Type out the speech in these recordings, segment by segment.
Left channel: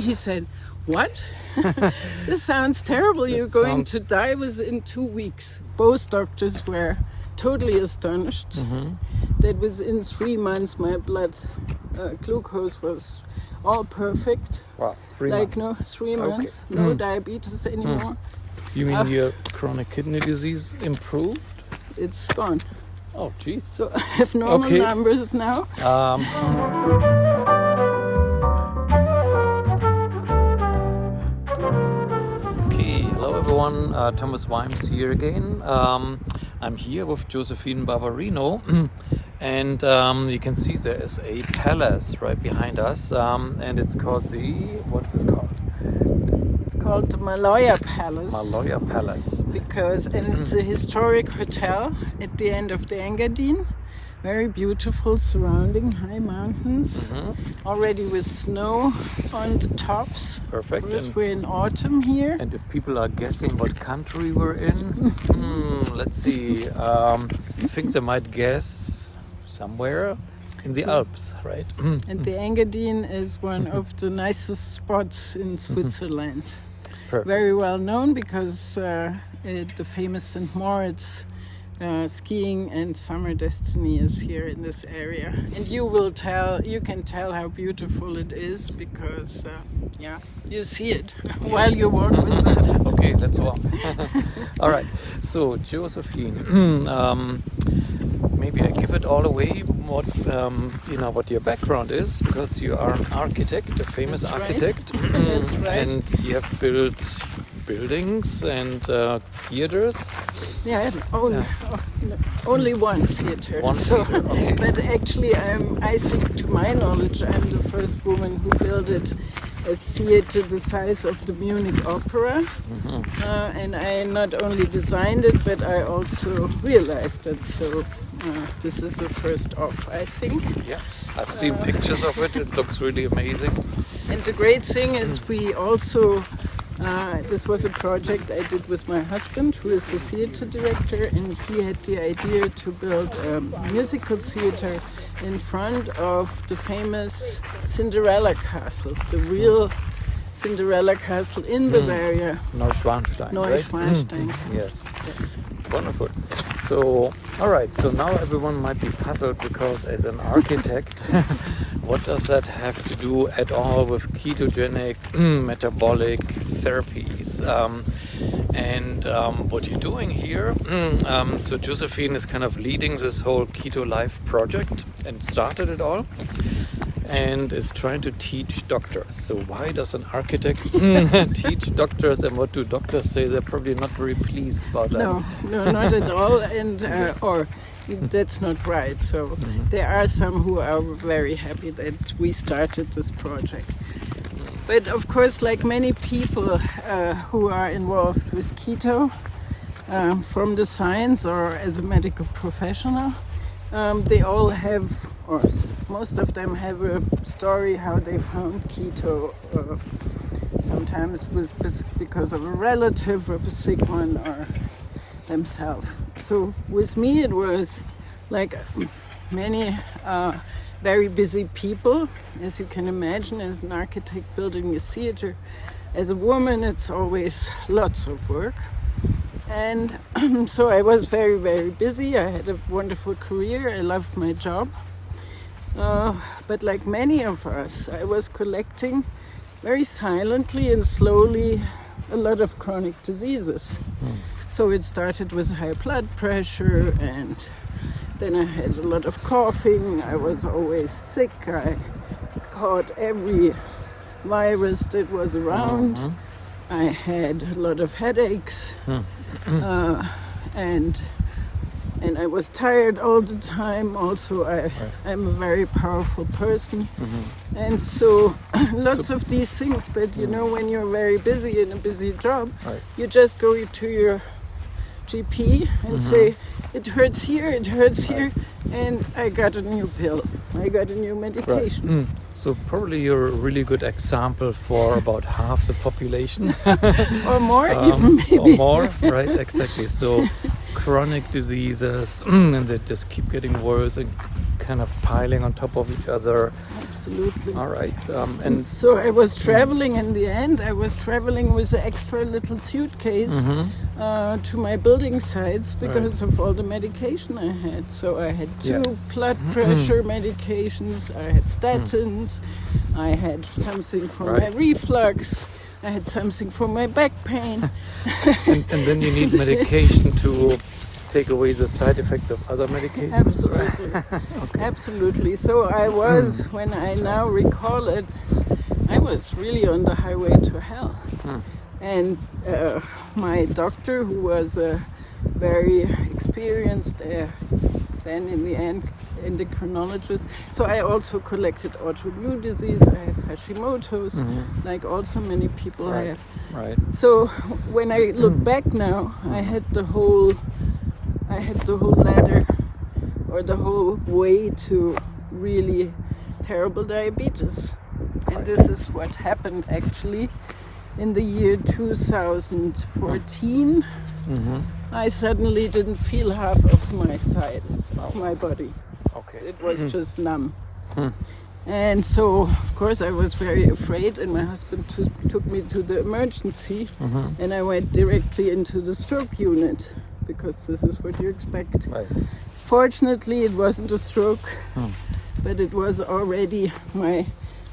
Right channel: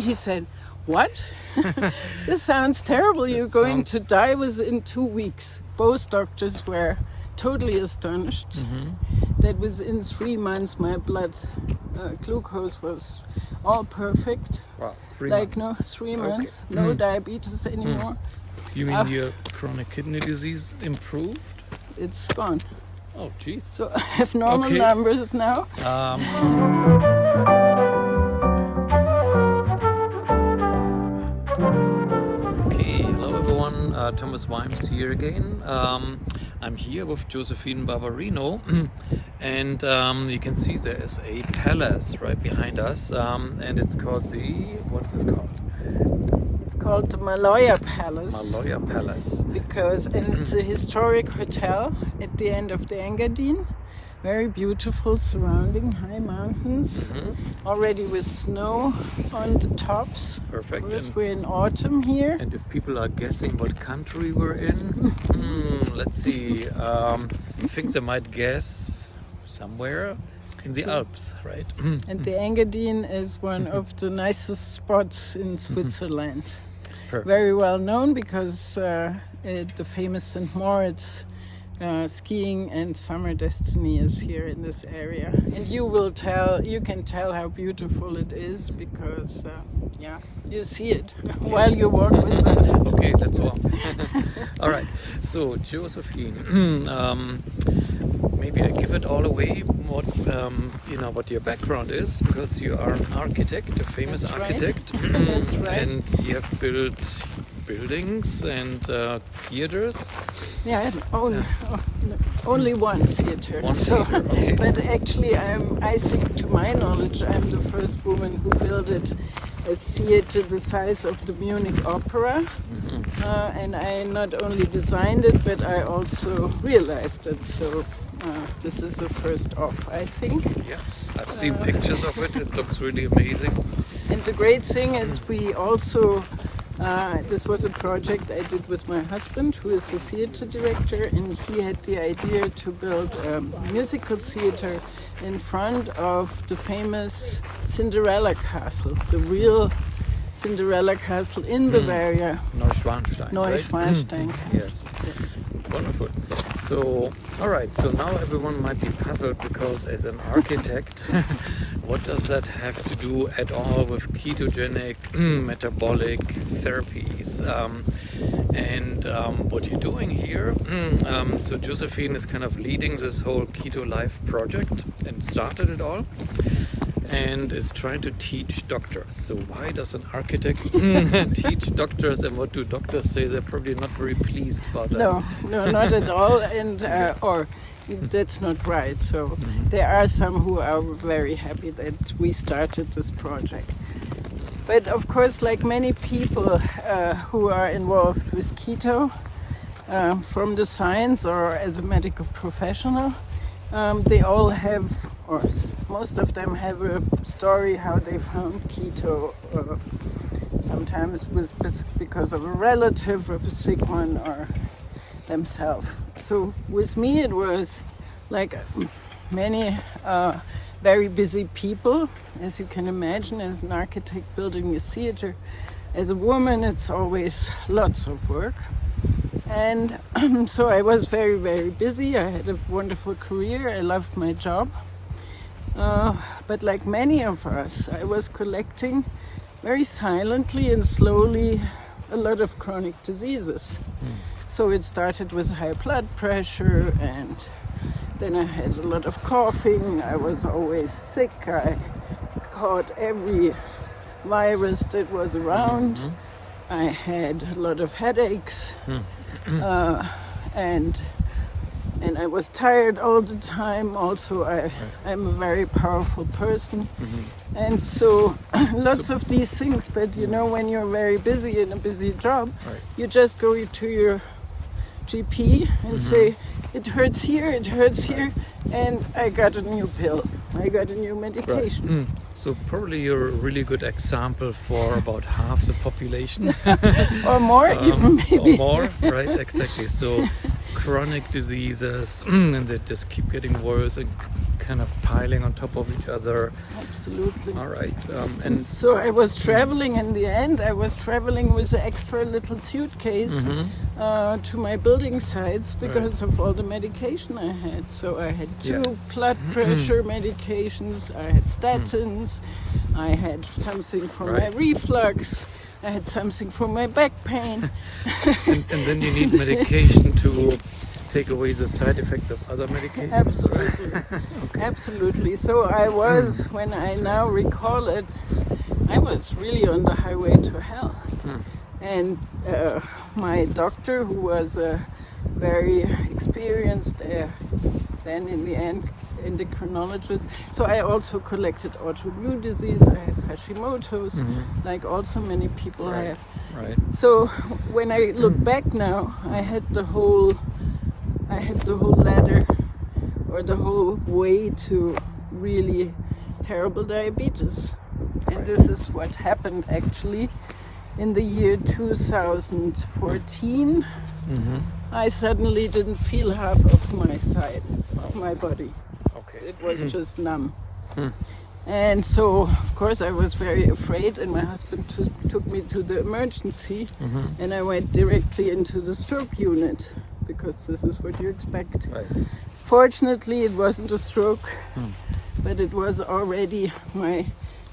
he said, "What? This sounds terrible. You're going to die within 2 weeks." Both doctors were totally astonished that within 3 months my blood glucose was all perfect. Wow, 3 months. No, 3 months, no diabetes anymore. You mean your chronic kidney disease improved? It's gone. Oh, geez. So I have normal numbers now. Okay, hello everyone. Thomas Weimbs here again. I'm here with Josephine Barbarino, and you can see there is a palace right behind us, and it's called what's this called? It's called the Maloya Palace. Maloya Palace. Because it's a historic hotel at the end of the Engadine. Very beautiful, surrounding high mountains, already with snow on the tops. Perfect. Of course, we're in autumn here. And if people are guessing what country we're in, let's see. I think they might guess somewhere in the Alps, right? And the Engadine is one of the nicest spots in Switzerland. Perfect. Very well known because the famous St. Moritz skiing and summer destiny is here in this area. And you can tell how beautiful it is because, you see it while you walk with us. Okay, let's walk. All right. So, Josephine, maybe I give it all away. What your background is, because you are an architect, a famous architect, That's right. and you have built buildings and theaters. Yeah, only one theater. One theater, okay. But actually, I think, to my knowledge, I'm the first woman who built a theater the size of the Munich Opera. And I not only designed it, but I also realized it. So this is the first off, I think. Yes, I've seen pictures of it. It looks really amazing. And the great thing is we also, this was a project I did with my husband, who is a theater director, and he had the idea to build a musical theater in front of the famous Cinderella Castle, the real Cinderella Castle in Bavaria. Neuschwanstein, Neuschwanstein. Right? Yes. Wonderful. So, all right. So now everyone might be puzzled because, as an architect, what does that have to do at all with ketogenic metabolic therapies? And what you're doing here? So Josephine is kind of leading this whole Keto Life project and started it all, and is trying to teach doctors. So why does an architect teach doctors, and what do doctors say? They're probably not very pleased about that. No, not at all, and or that's not right. So there are some who are very happy that we started this project. But of course, like many people who are involved with keto, from the science or as a medical professional, they all have, or most of them have a story how they found keto, sometimes because of a relative of a sick one or themselves. So with me it was like many very busy people, as you can imagine, as an architect building a theater. As a woman, it's always lots of work. And so I was very, very busy. I had a wonderful career. I loved my job. But like many of us, I was collecting very silently and slowly a lot of chronic diseases. So it started with high blood pressure, and then I had a lot of coughing. I was always sick. I caught every virus that was around. I had a lot of headaches. And I was tired all the time. Also, I'm a very powerful person, and so lots of these things. But when you're very busy in a busy job, you just go to your GP and say, it hurts here, and I got a new pill. I got a new medication. So probably you're a really good example for about half the population. Or more, even maybe. Or more, right, exactly. So chronic diseases and they just keep getting worse and kind of piling on top of each other. Absolutely. All right. And so I was traveling in the end. I was traveling with an extra little suitcase to my building sites because of all the medication I had. So I had two blood pressure medications, I had statins, I had something for my reflux, I had something for my back pain. and then you need medication to take away the side effects of other medications. Absolutely. Absolutely. So I was, when I now recall it, I was really on the highway to hell. And my doctor, who was a very experienced, then in the end, endocrinologist. So I also collected autoimmune disease. I have Hashimoto's, like also many people have. Right. So when I look back now, I had the whole ladder, or the whole way to really terrible diabetes. And this is what happened actually in the year 2014. I suddenly didn't feel half of my side of my body. Okay. It was just numb. And so, of course, I was very afraid, and my husband took me to the emergency, and I went directly into the stroke unit, because this is what you expect. Right. Fortunately, it wasn't a stroke, but it was already my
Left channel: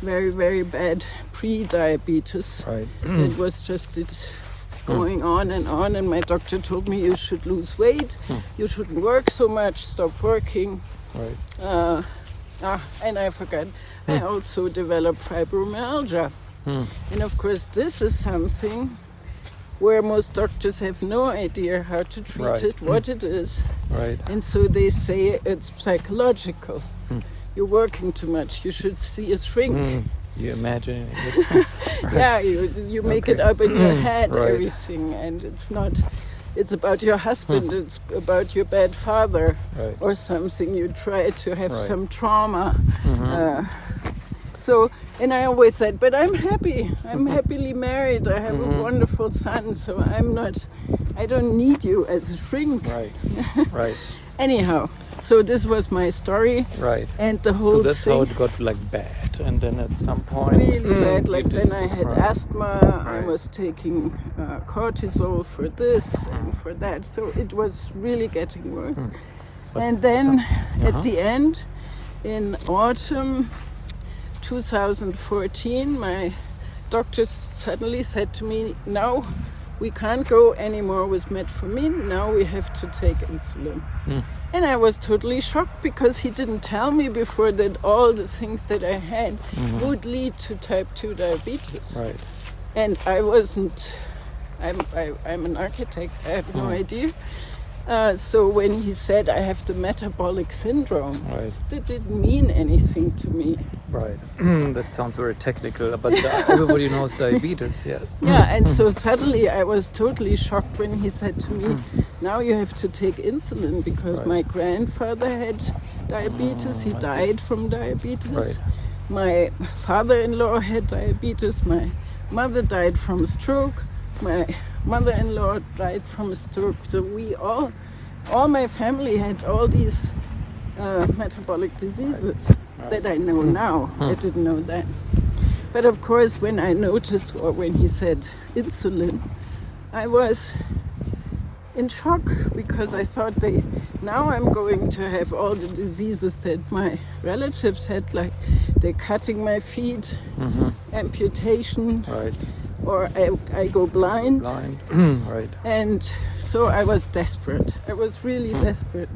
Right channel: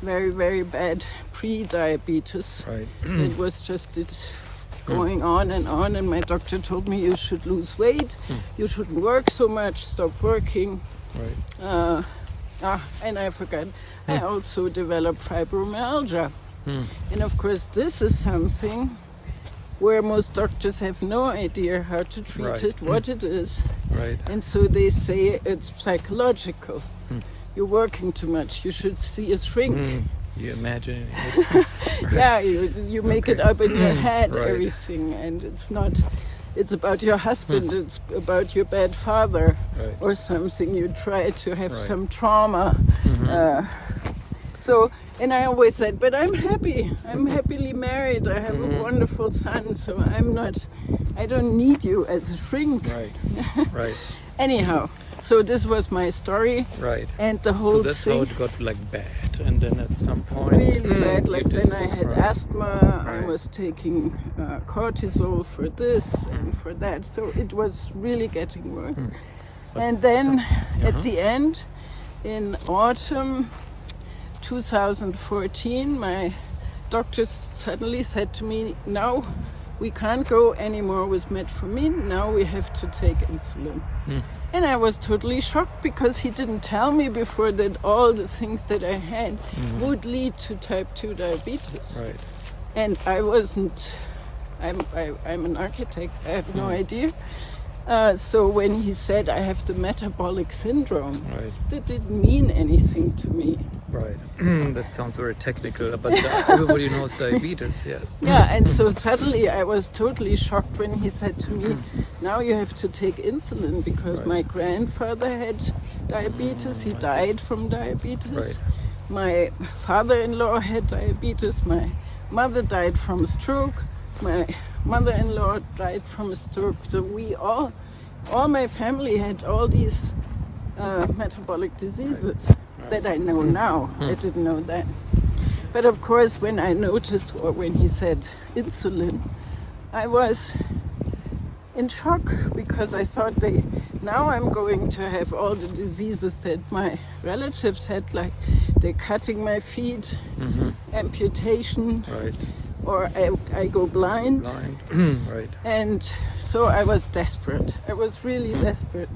very, very bad pre-diabetes. Right. It was just going on, and my doctor told me you should lose weight, you shouldn't work so much, stop working. Right. And I forgot, I also developed fibromyalgia. And of course, this is something where most doctors have no idea how to treat it, what it is. Right. And so they say it's psychological. You're working too much, you should see a shrink. You imagining it. Yeah, you make it up in your head, everything, and it's not, it's about your husband, it's about your bad father or something. You try to have some trauma. So, and I always said, but I'm happy. I'm happily married. I have a wonderful son, so I don't need you as a shrink. Right. Right. Anyhow, so this was my story. Right. And the whole So that's how it got like bad, and then at some point really bad. Like then I had asthma. I was taking cortisol for this and for that. So it was really getting worse. And then at the end, in autumn 2014, my doctor suddenly said to me, "Now we can't go anymore with metformin. Now we have to take insulin." And I was totally shocked, because he didn't tell me before that all the things that I had would lead to type 2 diabetes. Right. And I wasn't, I'm an architect, I have no idea. So when he said I have the metabolic syndrome, that didn't mean anything to me. Right. That sounds very technical, but everybody knows diabetes, yes. Yeah, and so suddenly I was totally shocked when he said to me, now you have to take insulin, because my grandfather had diabetes, he died from diabetes. My father-in-law had diabetes, my mother died from a stroke, my mother-in-law died from a stroke. So we all my family had all these metabolic diseases that I know now. I didn't know then. But of course, when I noticed, or when he said insulin, I was in shock, because I thought now I'm going to have all the diseases that my relatives had, like they're cutting my feet, amputation, or I go blind. And so I was desperate. I was really desperate.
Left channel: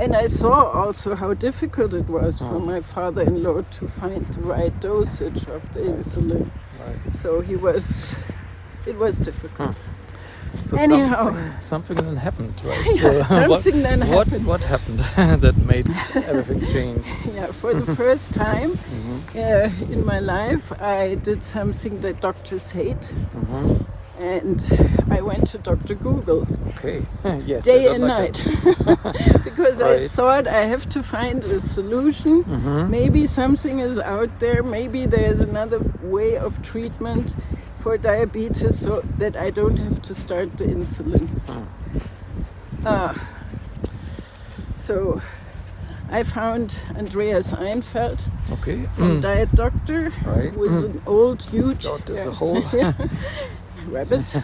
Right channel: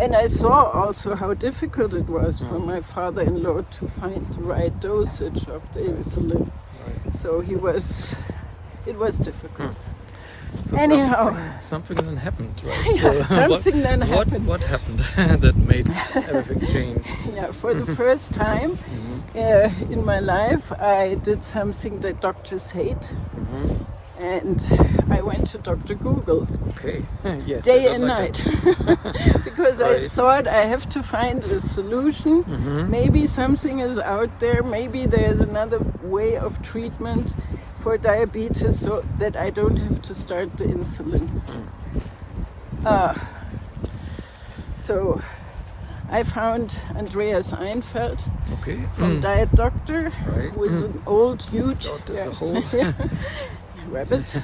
And I saw also how difficult it was for my father-in-law to find the right dosage of the insulin. So it was difficult. So anyhow, something then happened, right? Yeah, So something then happened. What happened that made everything change? Yeah, for the first time in my life, I did something that doctors hate. And I went to Dr. Google. Okay. Yes. Day and night. Because I thought I have to find a solution. Maybe something is out there. Maybe there's another way of treatment for diabetes, so that I don't have to start the insulin. So I found Andreas Einfeld Okay. from Diet Doctor, Right. who is an old, huge God, as a whole. rabbit.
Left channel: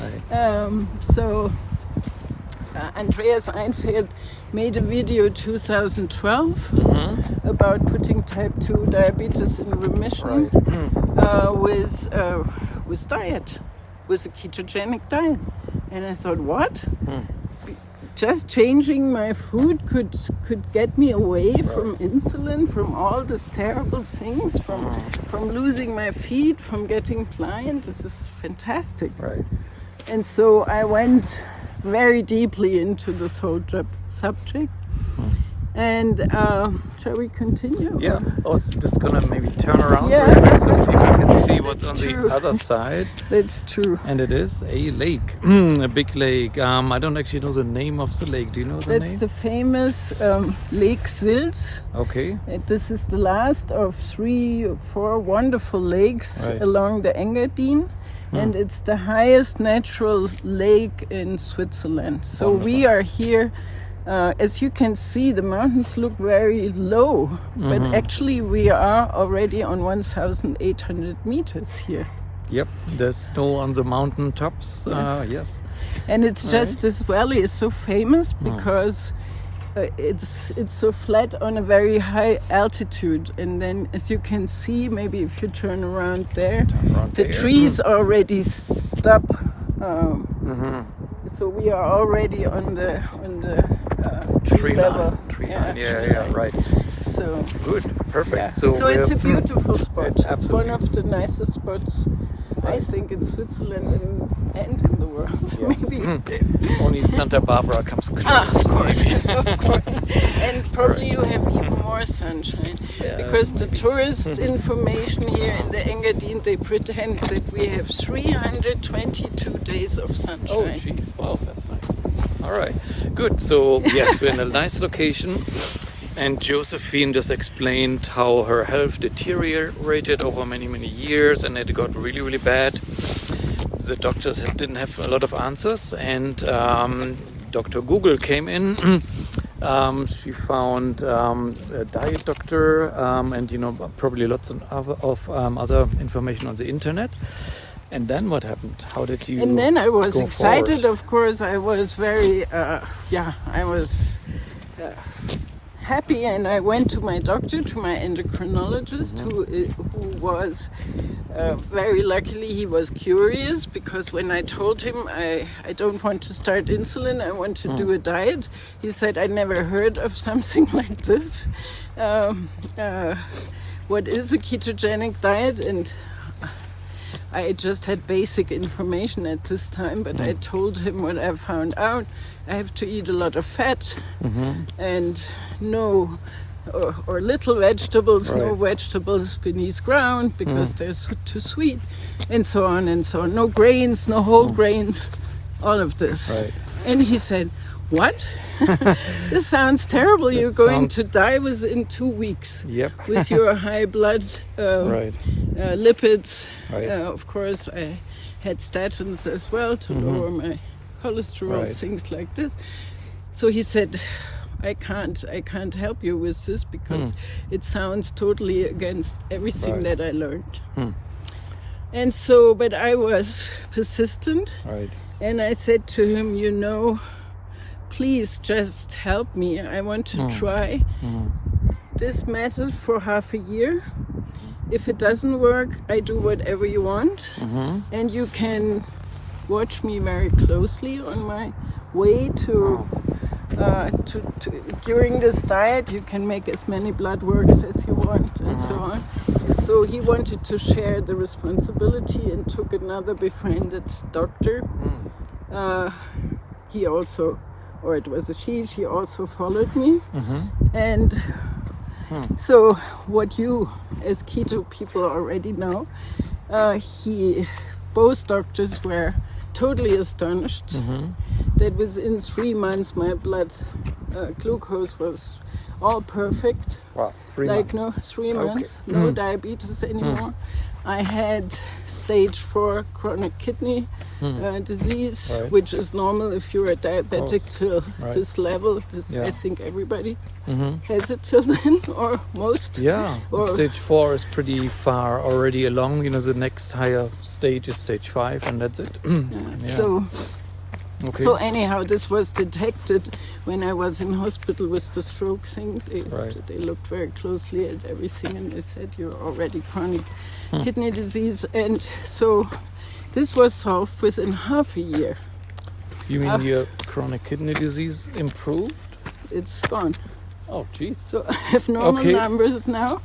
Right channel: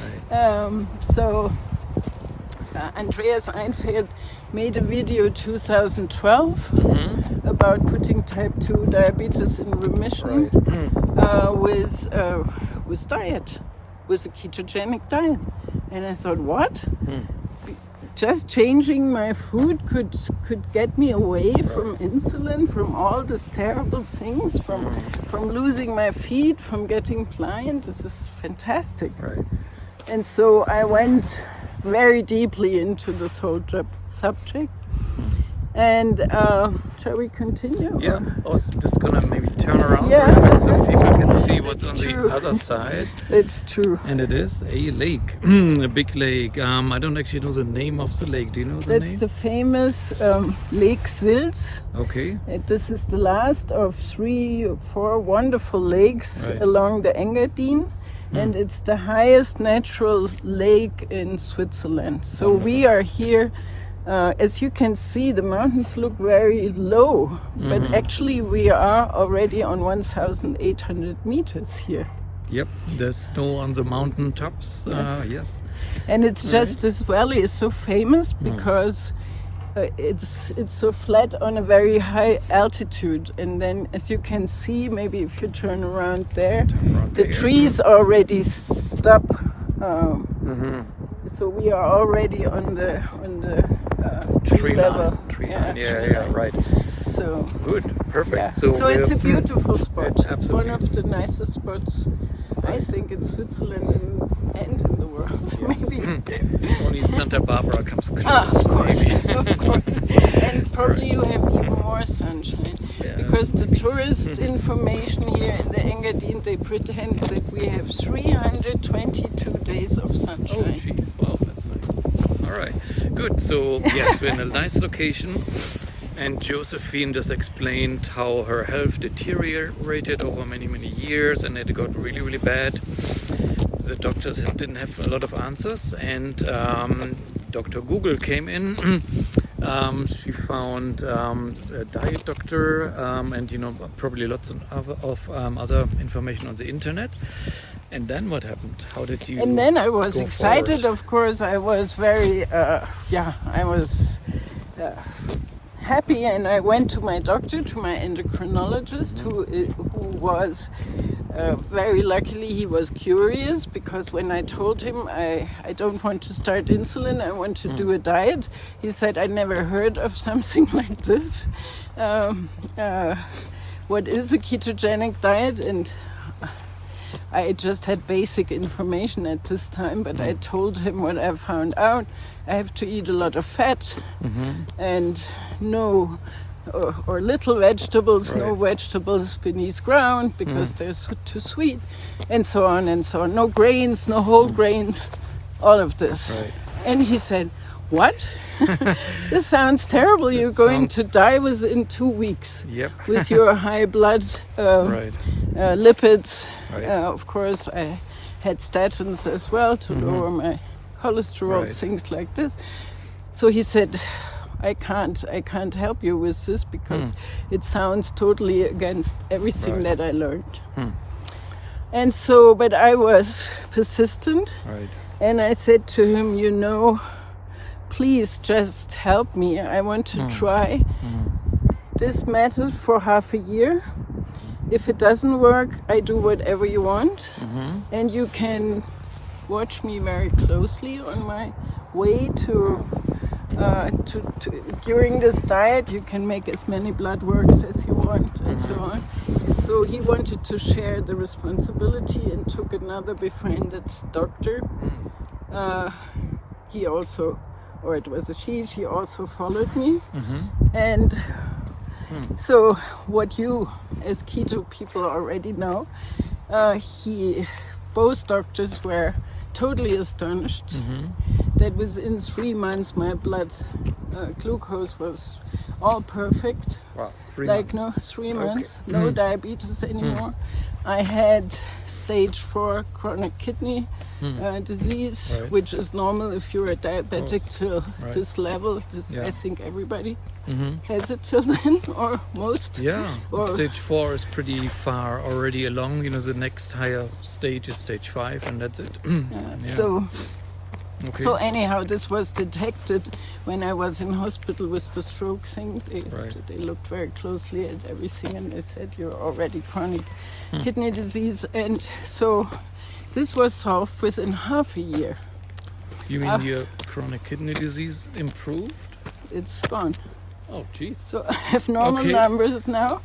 Right. So Andreas Einfeld made a video 2012 about putting type 2 diabetes in remission with diet, with a ketogenic diet. And I thought, what? Just changing my food could get me away from insulin, from all these terrible things, from losing my feet, from getting blind. This is fantastic. Right. And so I went very deeply into this whole subject. And shall we continue? Yeah, I was just gonna maybe turn around Yeah. real quick so people can see what's It's on true. the other side. It's true. And it is a lake, a big lake. I don't actually know the name of the lake. Do you know the It's name? the famous Lake Sils. Okay. This is the last of 3 or 4 wonderful lakes Right. along the Engadin. And it's the highest natural lake in Switzerland. So we are here. As you can see, the mountains look very low, but actually we are already on 1,800 meters here. Yep, there's snow on the mountain tops. Yes. And it's just this valley is so famous because it's so flat on a very high altitude. And then, as you can see, maybe if you turn around there, the trees already stop. So we are already on the tree level. Tree line. Yeah, right. So Good, perfect. yeah. So So it's a we're- beautiful spot. It's absolutely. one of the nicest spots, I think, in Switzerland and in the world. Yes. Maybe. Only Santa Barbara comes close. Of course, maybe. of course. And probably Right. you have even more sunshine. Yeah. Because the tourist information here in the Engadin, they pretend that we have 322 days of Oh, sunshine. jeez. Wow, that's nice. All right, good. So, yes, we're in a nice location. And Josephine just explained how her health deteriorated over many, many years and it got really, really bad. The doctors didn't have a lot of answers, and Dr. Google came in. She found a diet doctor and, probably lots of other information on the internet. And then what happened? How did you And then I was go excited, forward? of course. I was very, I was happy, and I went to my doctor, to my endocrinologist, who was very luckily, he was curious, because when I told him I don't want to start insulin, I want to do a diet, he said, I never heard of something like this. What is a ketogenic diet? And I just had basic information at this time, but I told him what I found out. I have to eat a lot of fat and no or little vegetables, no Right. vegetables beneath ground because they're too sweet, and so on and so on. No grains, no whole grains, all of this. Right. And he said, what? This sounds terrible. You're going to die within 2 weeks Yep. with your high blood Right. lipids. Right. Of course, I had statins as well to lower my cholesterol, Right. things like this. So he said, I can't help you with this because it sounds totally against everything Right. that I learned. And so, but I was persistent, Right. and I said to him, please just help me. I want to try this method for half a year. If it doesn't work, I do whatever you want. And you can watch me very closely on my way to during this diet. You can make as many blood works as you want and so on. And so he wanted to share the responsibility and took another befriended doctor. He also, or it was a she also followed me. And so what you as keto people already know, both doctors were totally astonished that within 3 months my blood glucose was all perfect. Wow. 3 Like months. 3 months, no diabetes anymore. I had stage 4 chronic kidney disease, Right. which is normal if you're a diabetic till Right. this level. Yeah. I think everybody has it till then, or most. Yeah, Or- stage 4 is pretty far already along. You know, the next higher stage is stage 5, and that's it. Yeah. So, Okay. so anyhow, this was detected when I was in hospital with the stroke thing. Right. They looked very closely at everything, and they said you're already chronic kidney disease, and so this was solved within half a year. You mean your chronic kidney disease improved? It's gone. Oh, jeez. So I have normal Okay. numbers now.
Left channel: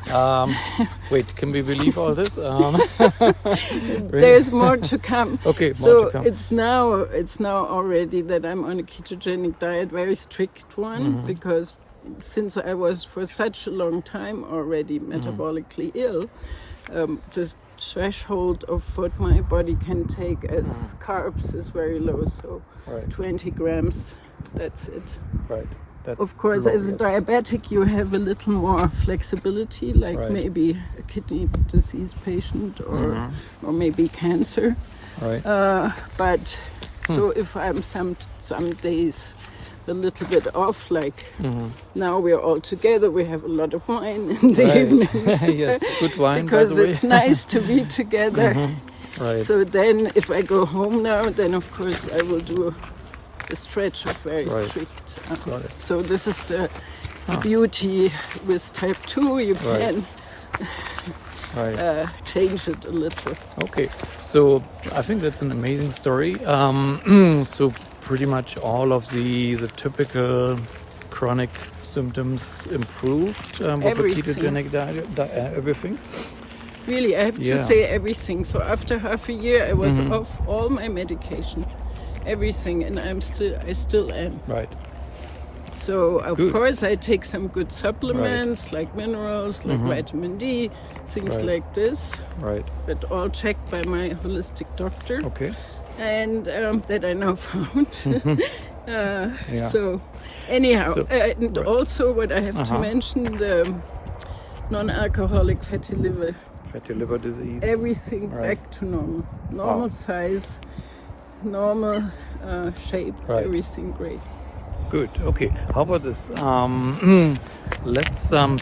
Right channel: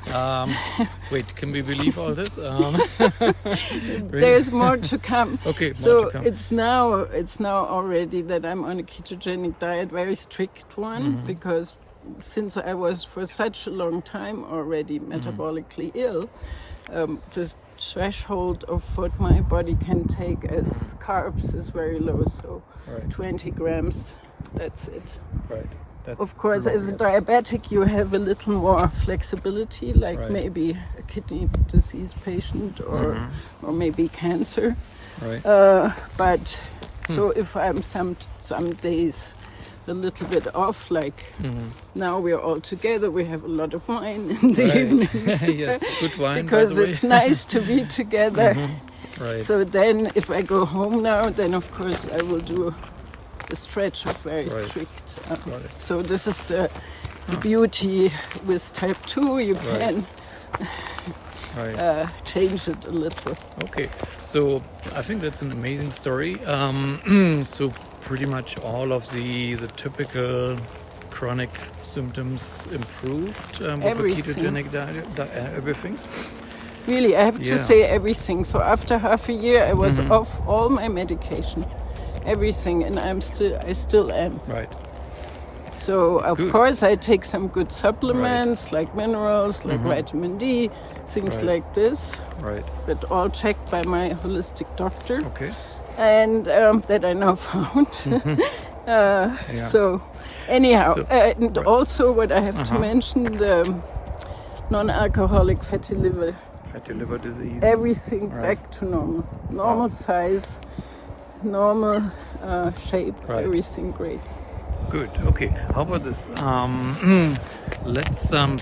Wait, can we believe all this? Really? There's more to come. Okay, more So to come. it's now already that I'm on a ketogenic diet, very strict one, because since I was for such a long time already metabolically ill, the threshold of what my body can take as carbs is very low. So Right. 20 grams, that's it. Right. That's Of course, low, as a yes. diabetic, you have a little more flexibility, like Right. maybe a kidney disease patient or maybe cancer. Right. But so if I'm some days a little bit off, like now we're all together, we have a lot of wine in the Right. evenings. Yes, good wine, Because by the way. it's nice to be together. Right. So then if I go home now, then of course I will do a stretch of very Right. strict. Got it. So this is the beauty with type 2, you can Right. change it a little. Okay, so I think that's an amazing story. So pretty much all of the typical chronic symptoms improved with a Everything. ketogenic diet, everything. Really, I have Yeah. to say everything. So after half a year, I was off all my medication, everything, and I still am. Right. So of Good. course I take some good supplements like minerals, like vitamin D, things Right. like this, Right. but all checked by my holistic doctor, Okay. and that I now found. Yeah. So anyhow, So- and right. also what I have to Uh-huh. mention, the non-alcoholic fatty liver, Fatty liver disease. everything Right. back to normal size, normal shape, Right. everything great. Good. Okay. How about this? Let's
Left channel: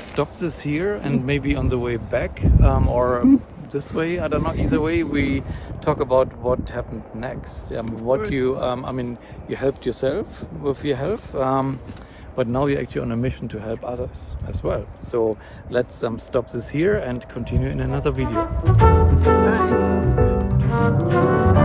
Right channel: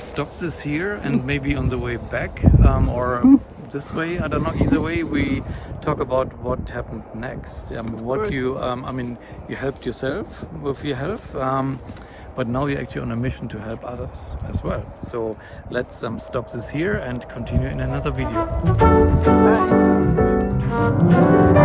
stop this here, and maybe on the way back, or this way. I don't know. Either way, we talk about what happened next. What course. you, I mean, you helped yourself with your health, but now you're actually on a mission to help others as well. So let's stop this here and continue in another video. Bye.